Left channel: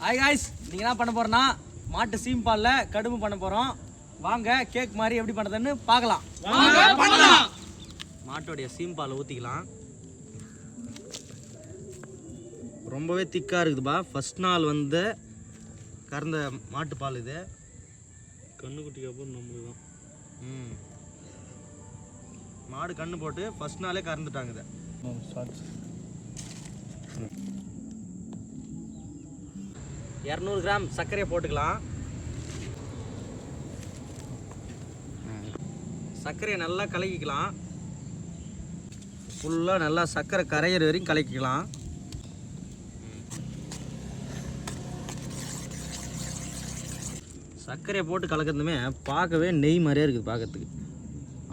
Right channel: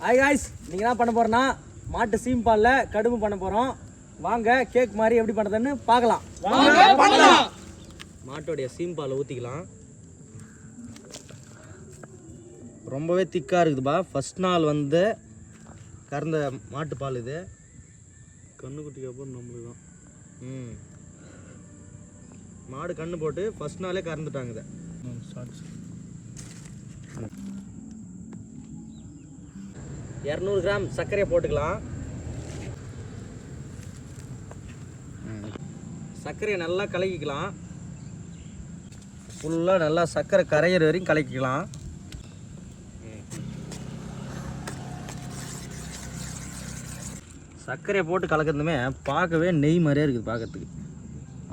Hi guys நீங்கள் என்ன பண்ண போறோம்னா மாட்டு சீம் பாலில் கடும்பு பண்ண போகிறோம் வாங்க கேக் மாதிரி எப்படி பண்ணுறதுன்னு பார்க்கலாம். மாட்டோடைய சீம் பாலை ஊற்றிக்கலாம் ரொம்பவே திக்காக இருக்குதுப்பா. ஃபர்ஸ்ட் நாள் வந்து கறந்த மாட்டுப்பால் இது. கண்ணுக்குட்டிக்கு அப்புறம் நம்மளுக்கு தான். ம். மாடு கண்ணு போட்டு ஃபர்ஸ்ட் நாளே கறந்துட்டாங்க இதை. இரநூறு கிராம் சர்க்கரையை போட்டுக்கலாம். சர்க்கரையை நல்லா கலக்கிக்கலாம். ஃபுல்லாக நல்லா சர்க்கரை கரையிற வரையும் கலக்கிக்கலாம். சர்க்கரையை போட்டு கலக்கிறதுமே பார்க்கவே நெய் மாதிரியே இருக்குது பார்க்கறதுக்கு.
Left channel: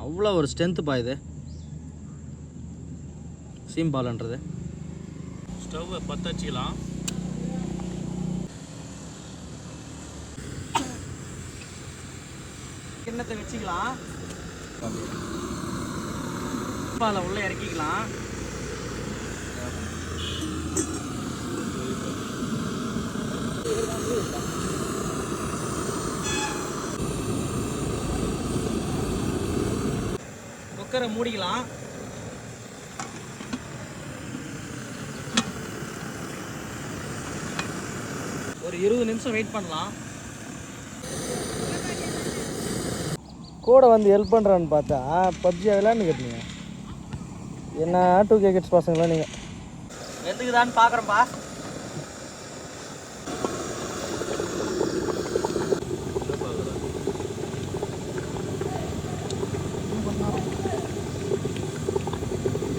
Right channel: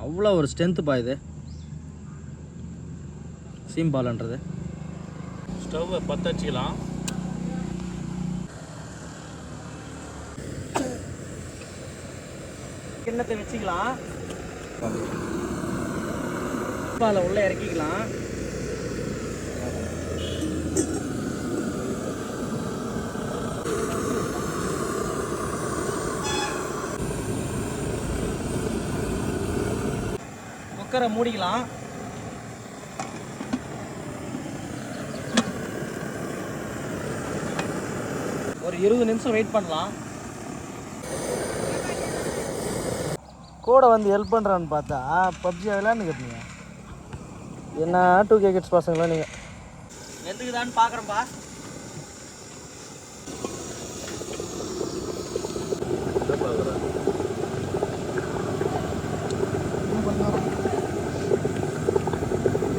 அவ்வளோ ஒரு ஸ்ட்ரென்த்துப்பா இது. சீம்பாலன்றது ஸ்டவ்வை பற்ற வச்சுக்கலாம் கிண்ணத்தை வச்சுக்கலாம். பாலை உள்ள இறக்கிக்கலாம். குக்கரை மூடிக்கலாம். ஒரு இருபது நிமிஷம் வெயிட் பண்ணலாம். கூட வந்து ஹெல்ப் பண்ணுறான்னு பார்த்தா பப்ஜி விளையாண்டு கேட்டீங்க என்ன டூ கே கிட்ஸ் பசங்க தான் நீங்கள் எதுக்குதான்னு பார்க்குறேன்ப்பா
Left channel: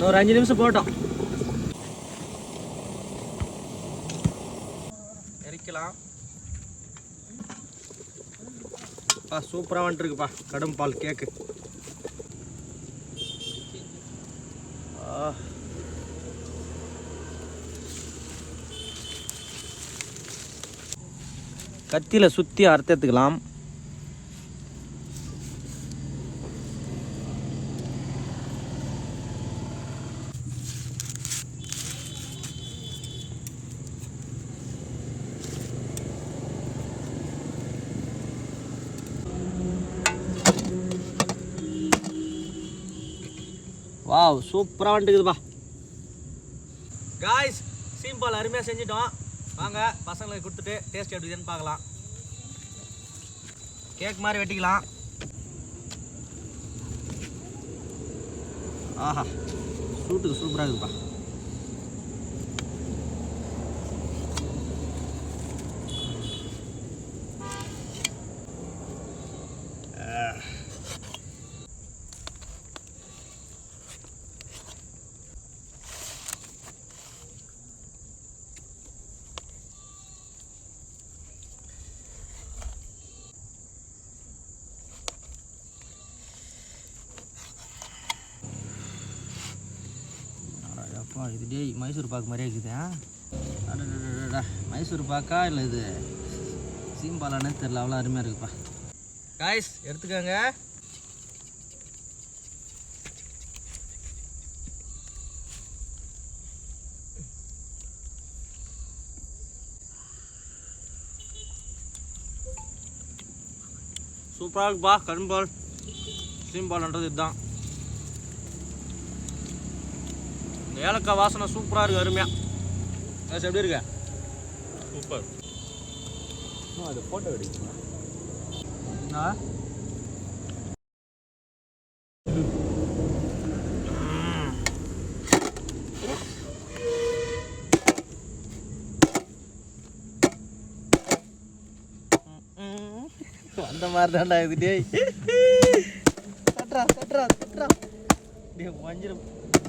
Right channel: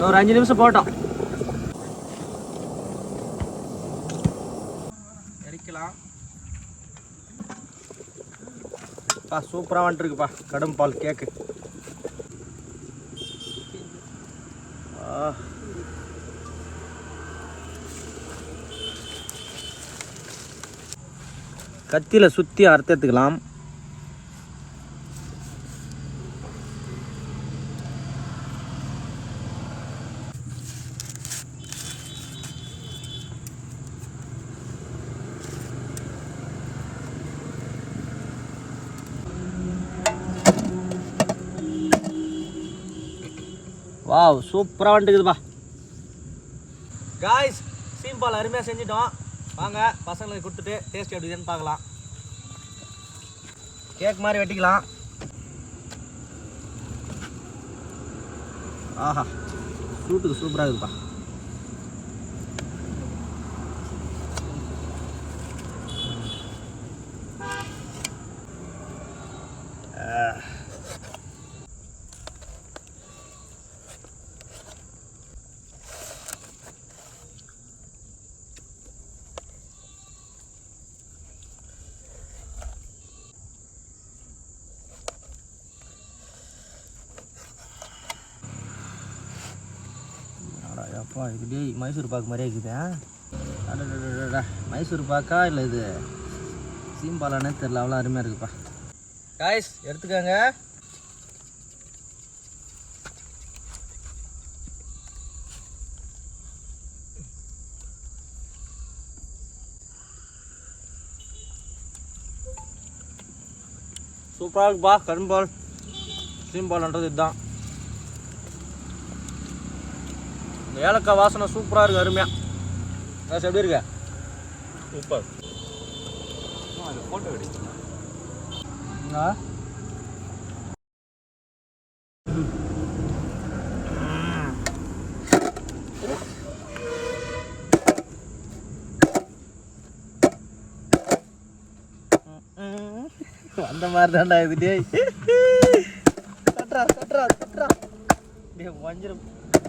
ஒரு அஞ்சு நிமிஷம் போட்டோம். பா சூப்பராக வந்துட்டுருக்குப்பா கடும் பால் கேக்கு கத்தியில் சுற்றி அறுத்தெடுத்துக்கலாம் வாவ் சூப்பராக வந்துட்டுக்குதுப்பா. காய்ஸ் சீம்பால் அருமையாக செஞ்சிட்டோம். வாங்க பசங்களுக்கு கொடுத்துட்டு டேஸ்ட் எப்படி இருக்குதுன்னு பார்க்கலாம். கேக் மாதிரி வெட்டிக்கலாம். ஆஹா சூட்டுக்கு சூப்பராக இருக்குதுப்பா. அப்பா இது டேய் மைசூர் பாக்கு மாதிரியே இருக்குது மைசூர் பாக்கா இல்லை இது சீம்பாலானே தெரில அவ்வளோ அருமையாக இருக்குப்பா. காய்ஸ் எடுத்துக்கோங்க. சூப்பராக இருக்குப்பா கரும்பால். சீம்பால்ன்றது இதுதான். இந்த ஏலக்காய் வாசனை சூப்பராக இருக்கு அருமையாக அது எப்படி இருக்க? சூப்பர். அந்த மாதிரி தான்டா இது டேய். கட்டுறா கட்டுறா கட்டுறா. டேய் வஞ்சிரும்.